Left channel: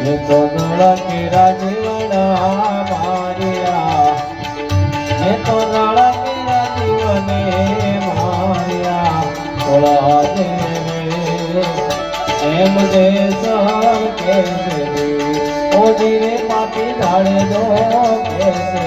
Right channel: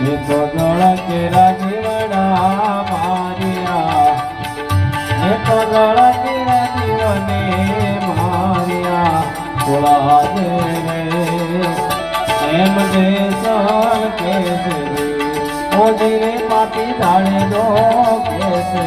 એ તો નળકે રાજીવડા માર્યા. એ તો નળકે રાજીવને માર્યા. થોડા દેવે એમ જે સહન કેસે ઓ જીરે માટી ઢાળે દો કેસે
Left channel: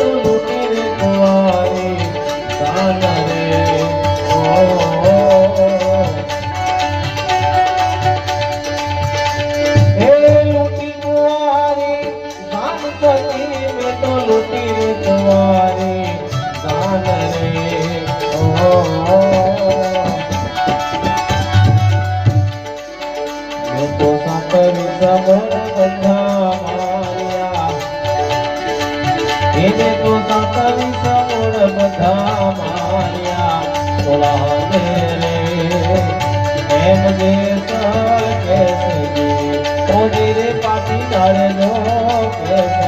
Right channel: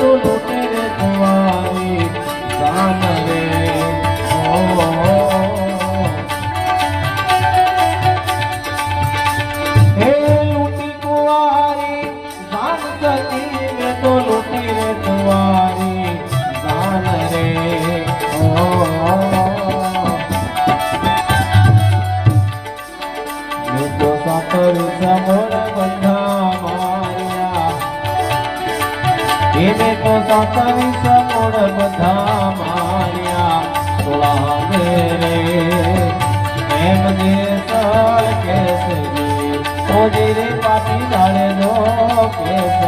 Oh. એને તો સાંકળી સમોર બધા માર્યા. સોળા રે. એમ જે સર કેસે ઓજી રે પાટી ડાળે દો કેસે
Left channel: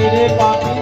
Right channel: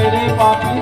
રે પાપી.